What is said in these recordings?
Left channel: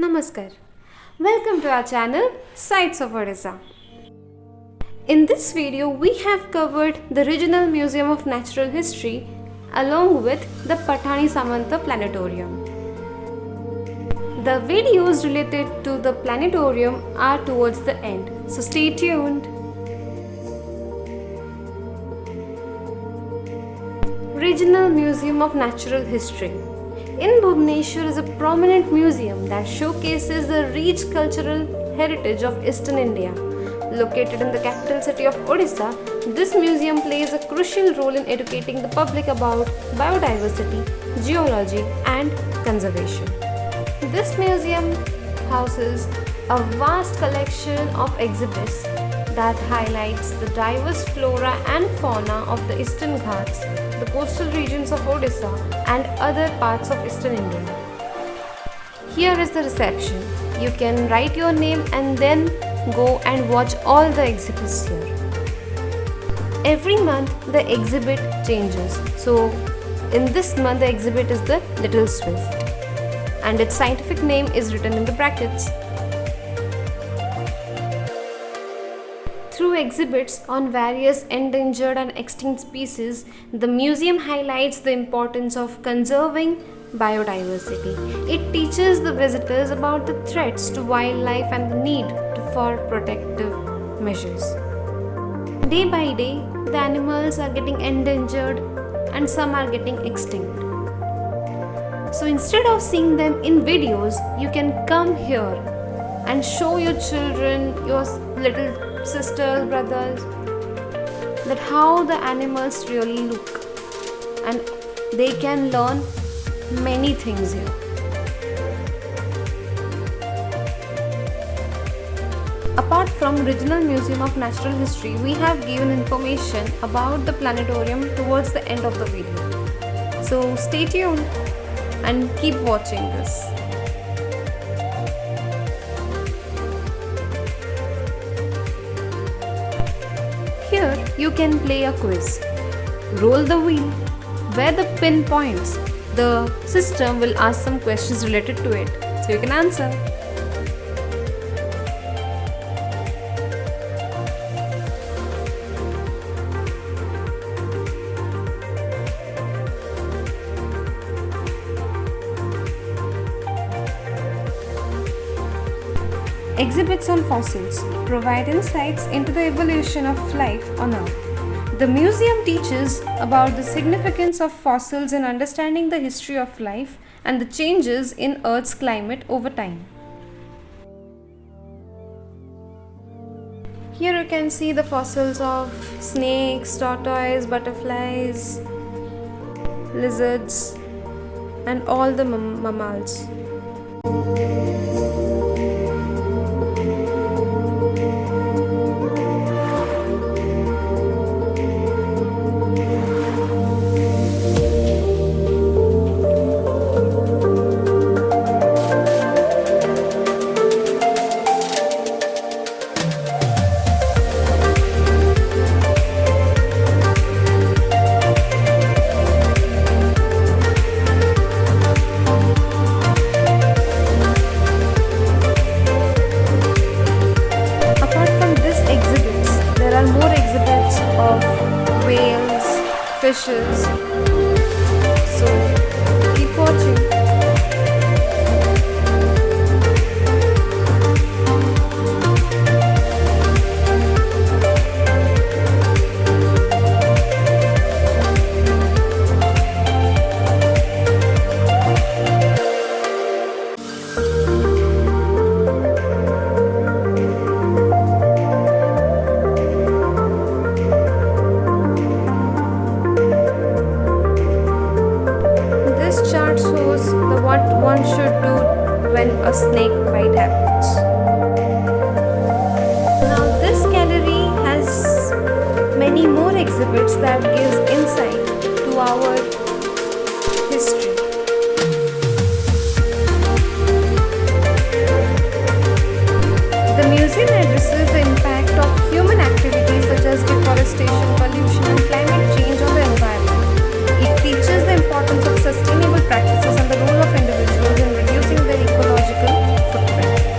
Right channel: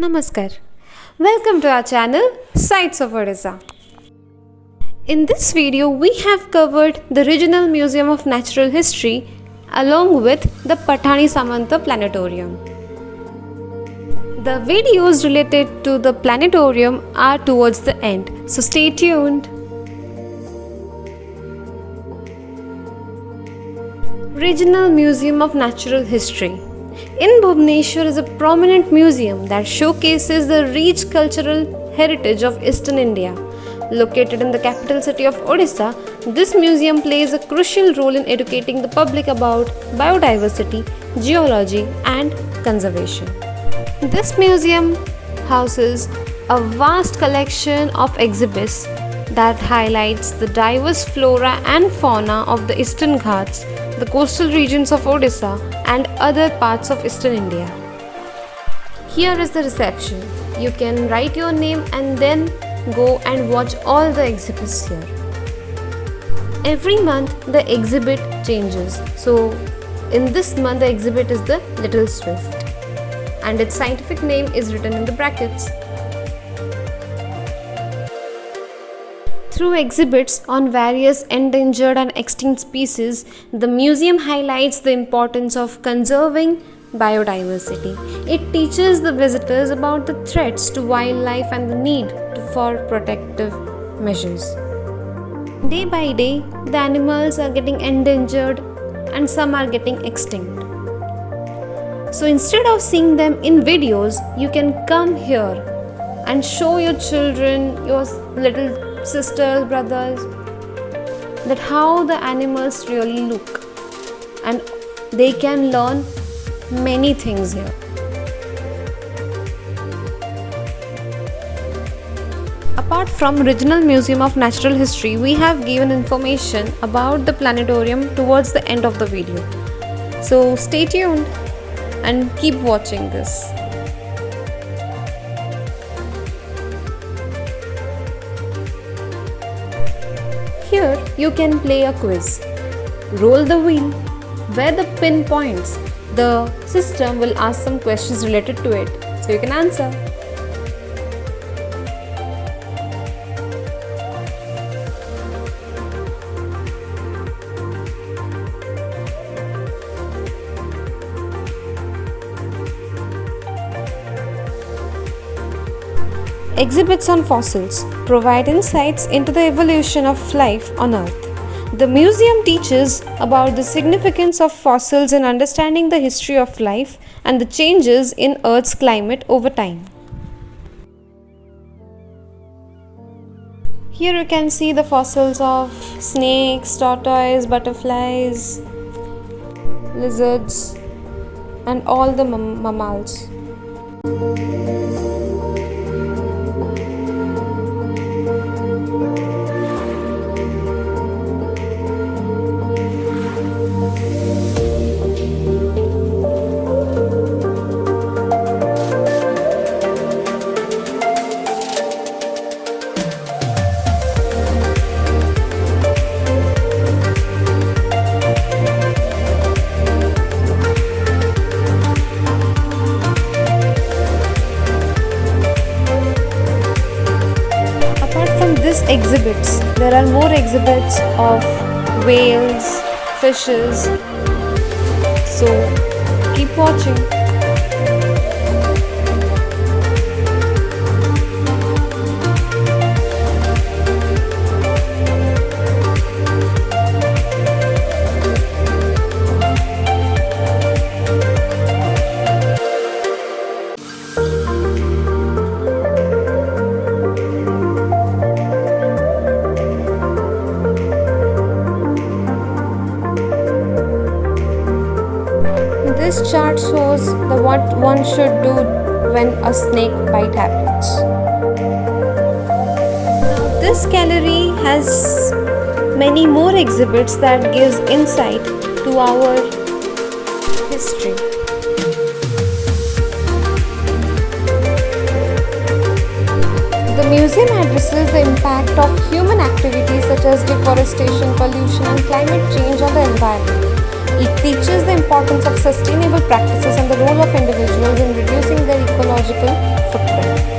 Namaskar. Welcome to our channel Sights of Odisha. In this video, we have covered the Regional Museum of Natural History along with the Pathani Samanta Planetarium. The videos related to the planetarium are towards the end, so stay tuned. Regional Museum of Natural History. In Bhubaneswar is a prominent museum that showcases the rich cultural heritage of Eastern India. Located in the capital city of Odisha, this museum plays a crucial role in educating the public about biodiversity, geology, and conservation. This museum houses a vast collection of exhibits that highlights the diverse flora and fauna of the Eastern Ghats, the coastal regions of Odisha, and other parts of Eastern India. Here is the reception. You can write your name and then go and watch all the exhibits here. Every month the exhibit changes. So in this month the exhibit is the Little Swift and its scientific name is written in the brackets. Through exhibits on various endangered and extinct species, the museum highlights the importance of conserving biodiversity. It teaches the visitors about the threats to wildlife and the need for protective measures. Day by day, the animals are getting endangered and some are getting extinct. So instead of seeing them in videos, you can come here and show your children, your little sisters, brothers, that how the animals really look, and they can learn many things here. Apart from Regional Museum of Natural History, we have given information about the planetarium towards the end of the video. So stay tuned and keep watching this. Here you can play a quiz. Roll the wheel. Where the pin points, the system will ask some questions related to it, so you can answer. Exhibits on fossils provide insights into the evolution of life on Earth. The museum teaches about the significance of fossils in understanding the history of life and the changes in Earth's climate over time. Here you can see the fossils of snakes, tortoise, butterflies, lizards, and all the mammals. Exhibits. There are more exhibits of whales, fishes. So keep watching. This chart shows what one should do when a snake bite happens. Now this gallery has many more exhibits that gives insight to our history. The museum addresses the impact of human activities such as deforestation, pollution, and climate change on the environment. It teaches the importance of sustainable practices and the role of individuals in reducing their ecological footprint.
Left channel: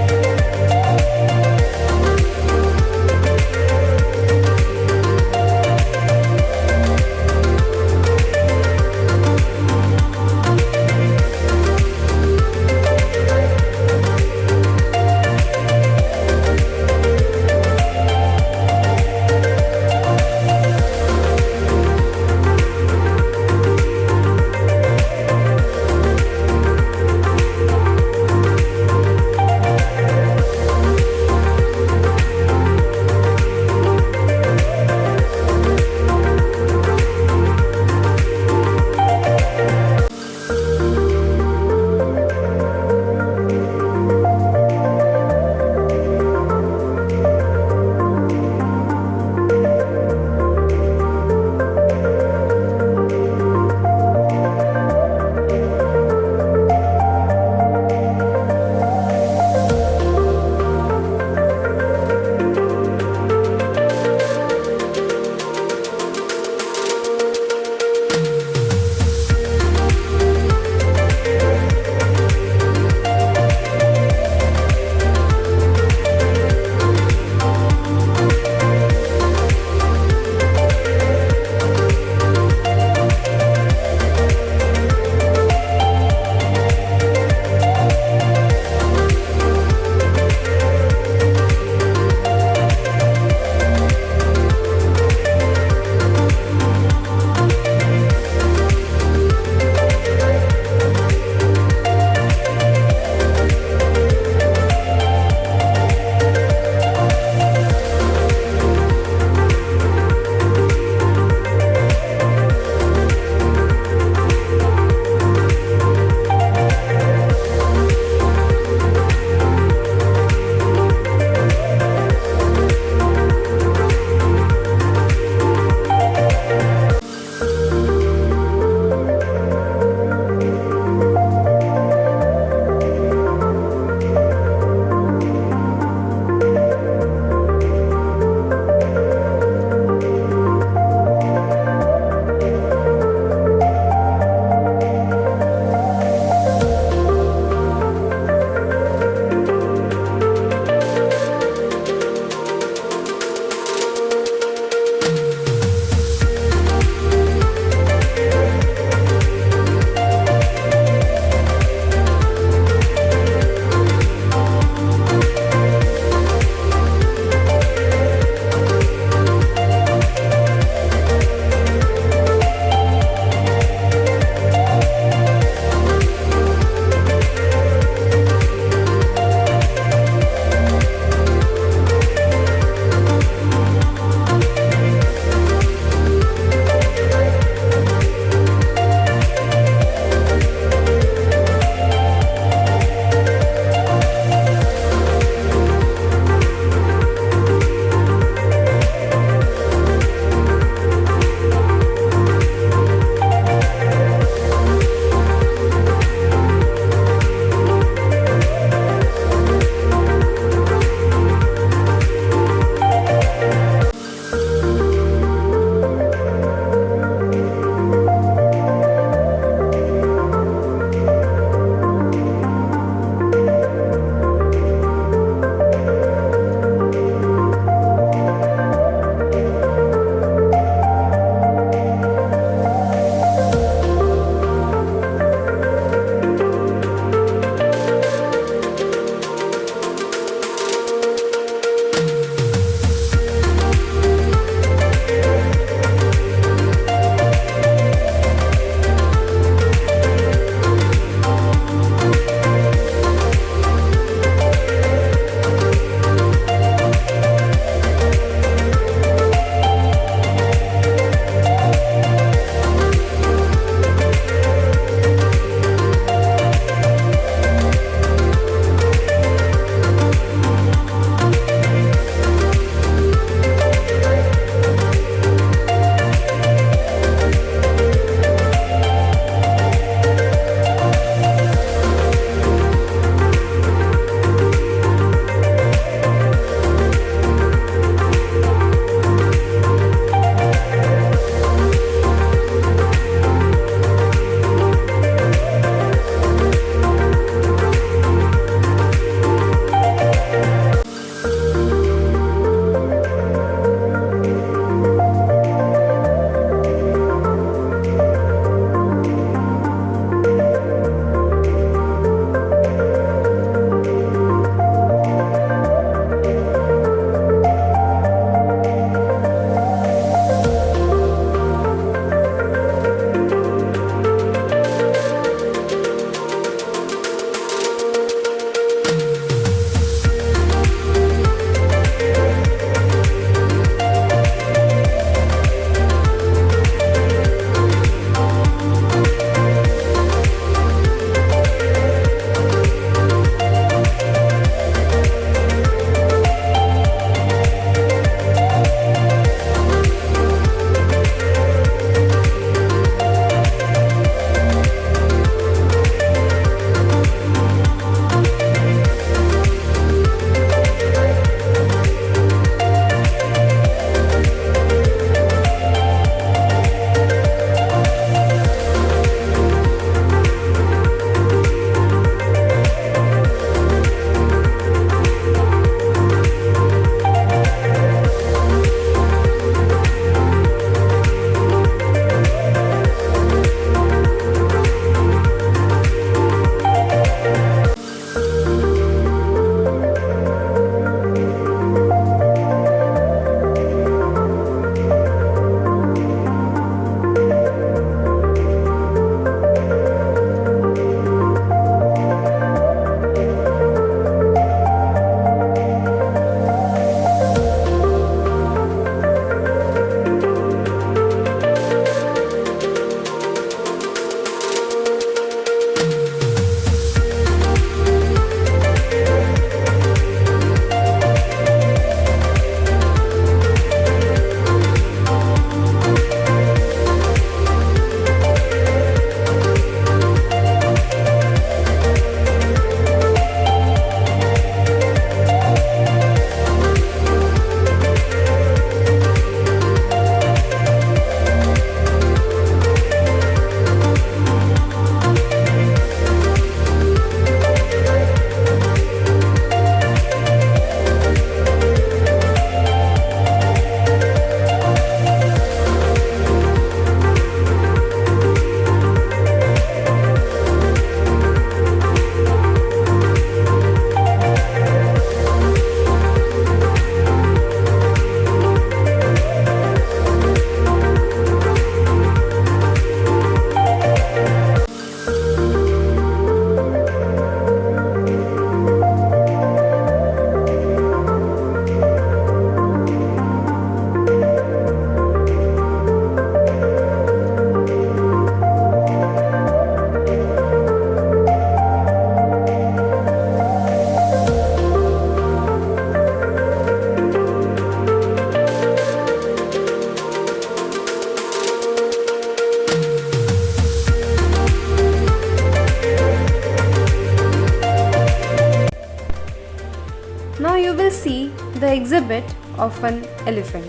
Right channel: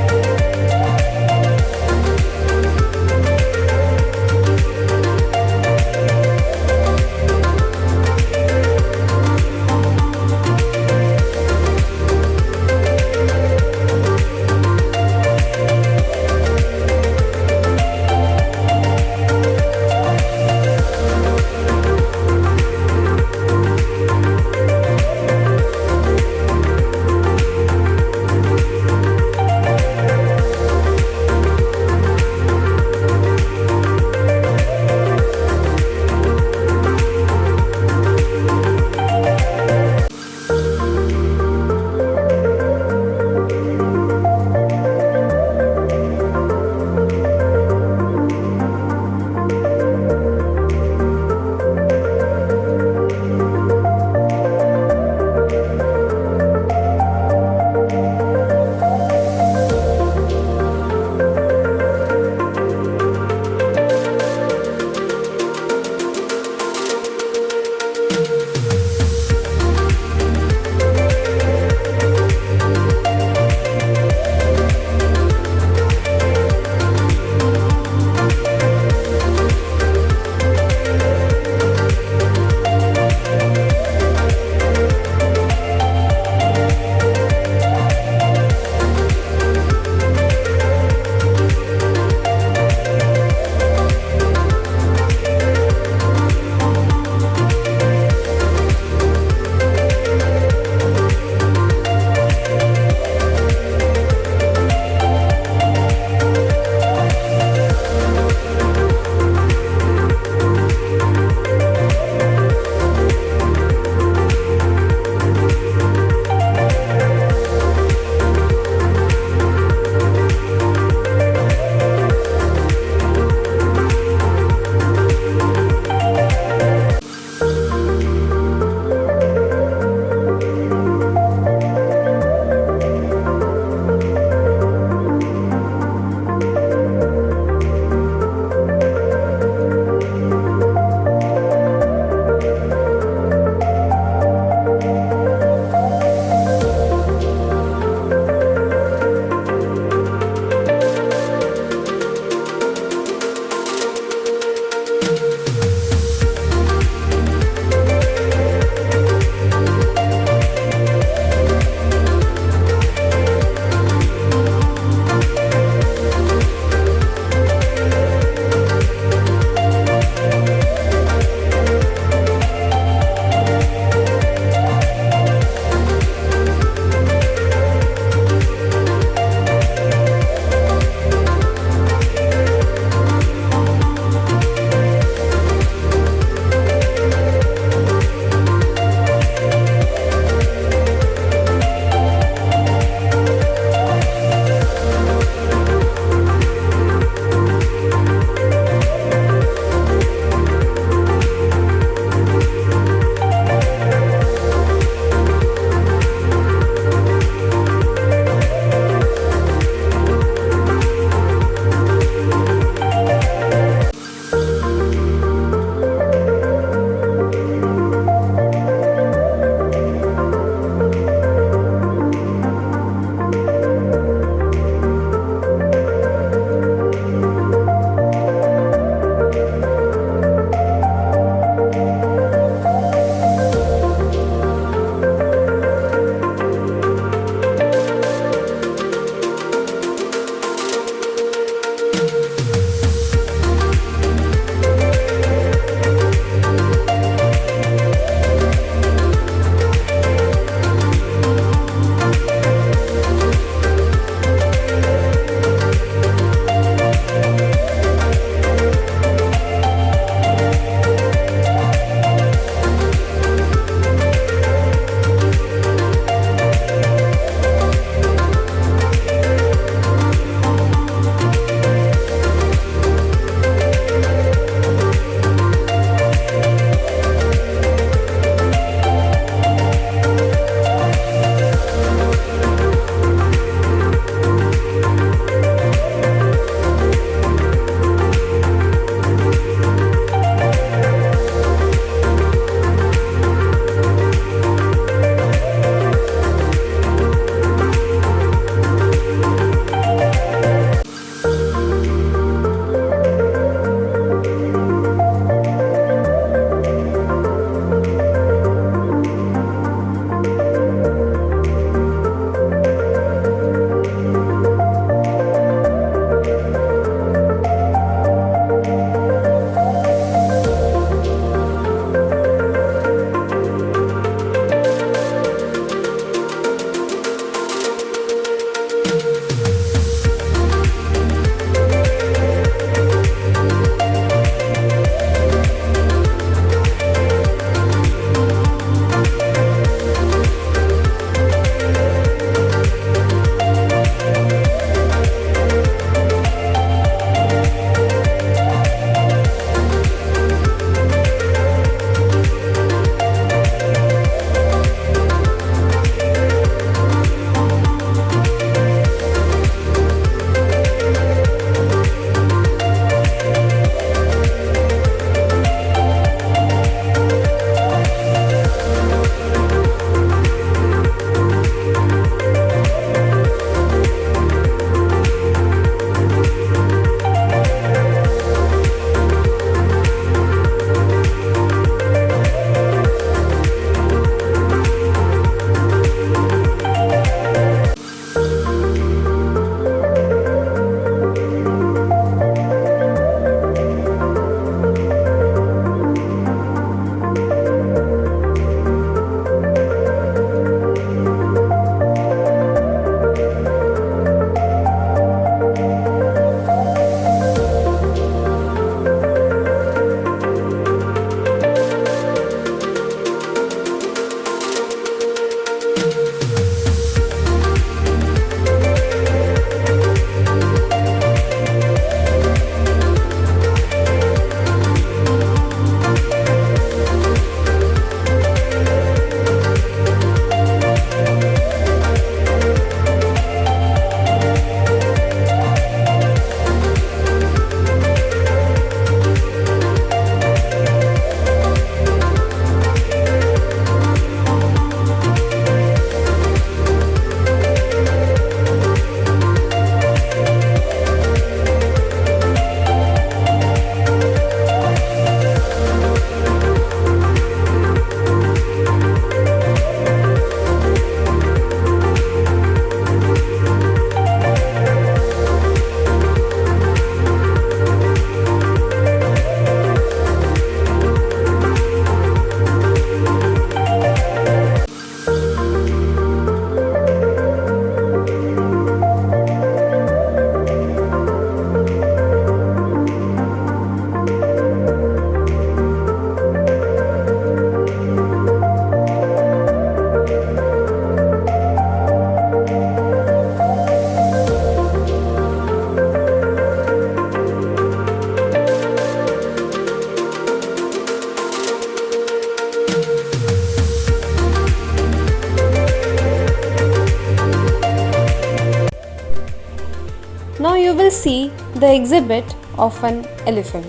Now you will see the exhibit of an elephant.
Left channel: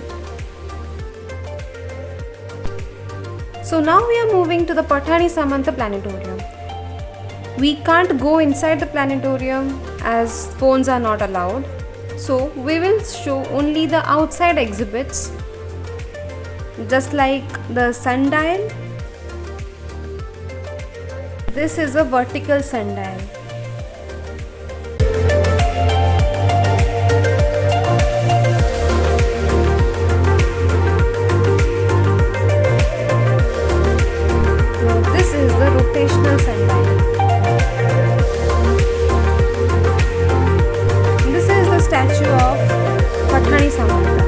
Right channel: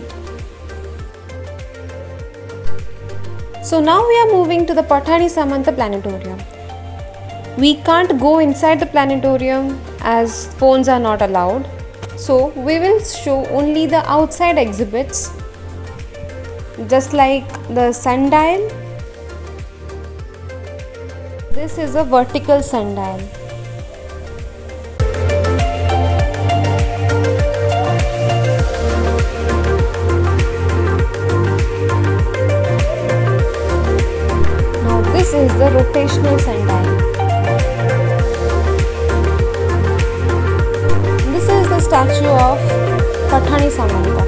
So now we are moving to the Pathani Samanta Planetarium. We can't go inside the planetarium as phones are not allowed. So we will show only the outside exhibits, just like the sundial. This is a vertical sundial. Now this is the rotational sundial. This is the statue of Pathani Samanta.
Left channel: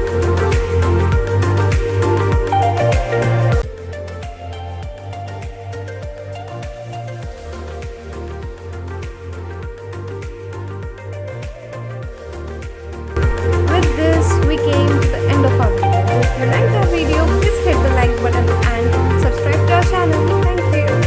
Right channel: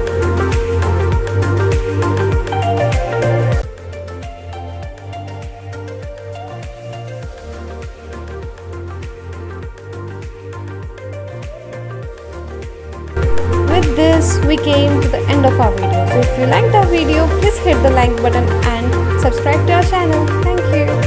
With this, we came to the end of our video. So if you liked our video, please hit the like button and subscribe to our channel. Thank you.